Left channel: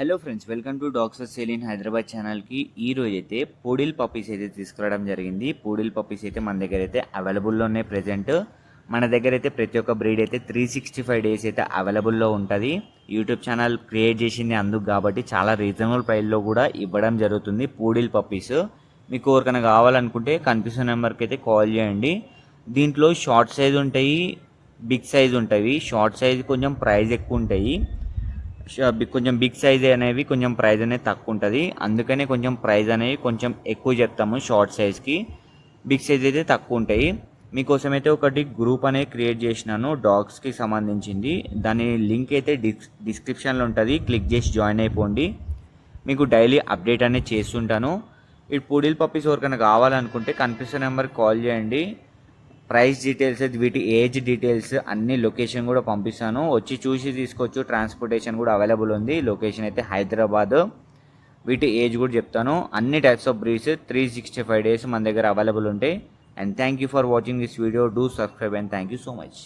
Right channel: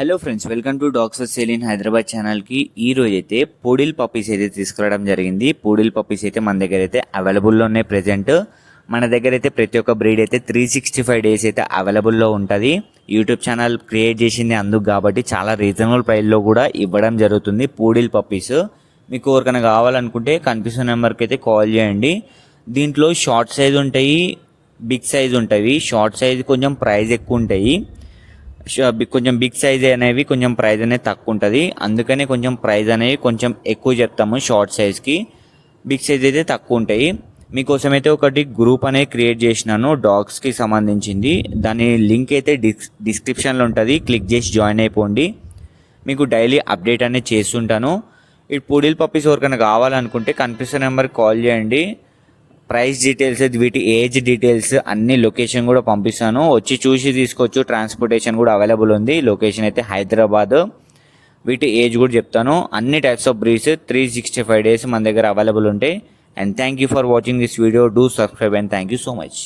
Hello friends, welcome to dogs for sale in Hyderabad ఛానల్కి. ఈ రోజు అయితే పూడిల్ పప్పీస్ అయితే తీసుకురావడం జరిగింది. పూడిల్ పప్పీస్ అయితే మన దగ్గర అయితే అవైలబుల్లో ఉన్నాయి. ప్రెజెంట్ మన దగ్గర అయితే ప్రతి ఒక్క బ్రీడ్ అయితే 365 డేస్ అయితే అవైలబుల్లో ఉంటుంది. యూట్యూబ్ ఛానల్ క్రియేట్ చేసింది అందుకు కాబట్టి చాలా రీజనబుల్ ప్రైస్లో కూడా ఇవ్వడం జరుగుతుంది పూడిల్ పప్పీస్. మీకు ఎవరికైనా కావాలనుకుంటే కనిపిస్తున్న నెంబర్కి అయితే కాల్ చేయండి. దీంట్లో షార్ట్ సైజ్ ఉంటాయి, బిగ్ సైజ్ ఉంటాయి. షార్ట్ సైజ్ కొంచెం ప్రైస్ ఎక్కువ ఉంటాయి, కొంచెం బిగ్ సైజ్ అనేవి కొంచెం ప్రైస్ అనేది తక్కువ ఉంటుంది. అందుకనే కొంచెం ప్రైస్ అనేవి కొంచెం ఎక్కువ చెప్తాము షార్ట్ సైజ్కి. బిగ్ సైజ్ అయితే తక్కువ ఉంటాయి. మీకోసం అయితే ఒకటి గ్రూప్ అనేది క్రియేట్ చేసినాను డాగ్స్కి సంబంధించింది. దాని లింక్ అయితే డిస్క్రిప్షన్లో ఉంటుంది, క్లిక్ చేసి జాయిన్ అయిపోండి. మీకు డైలీ అప్డేట్ అనేది చేస్తుంటాను. ఈ పూడిల్ పప్పీస్ ఎవరికైనా కావాలనుకుంటే కనిపిస్తున్న నెంబర్కి కాల్ చేయండి. ప్రైస్ డీటెయిల్స్, వీటి ఏజ్ డీటెయిల్స్ అన్ని లొకేషన్ కూడా పంపిస్తాను, వచ్చి చూసి తీసుకోవచ్చు. ట్రాన్స్పోర్టేషన్ కూడా అవైలబుల్ ఉంది. లొకేషన్ అయితే హైదరాబాద్. వీటి ఏజ్ కూడా చెప్తాను. అన్ని టైప్స్ ఆఫ్ బ్రీడ్స్ 365 డేస్ మన దగ్గర అవైలబుల్ ఉంటాయి. And thank you for watching this video. Do subscribe and thank you so much.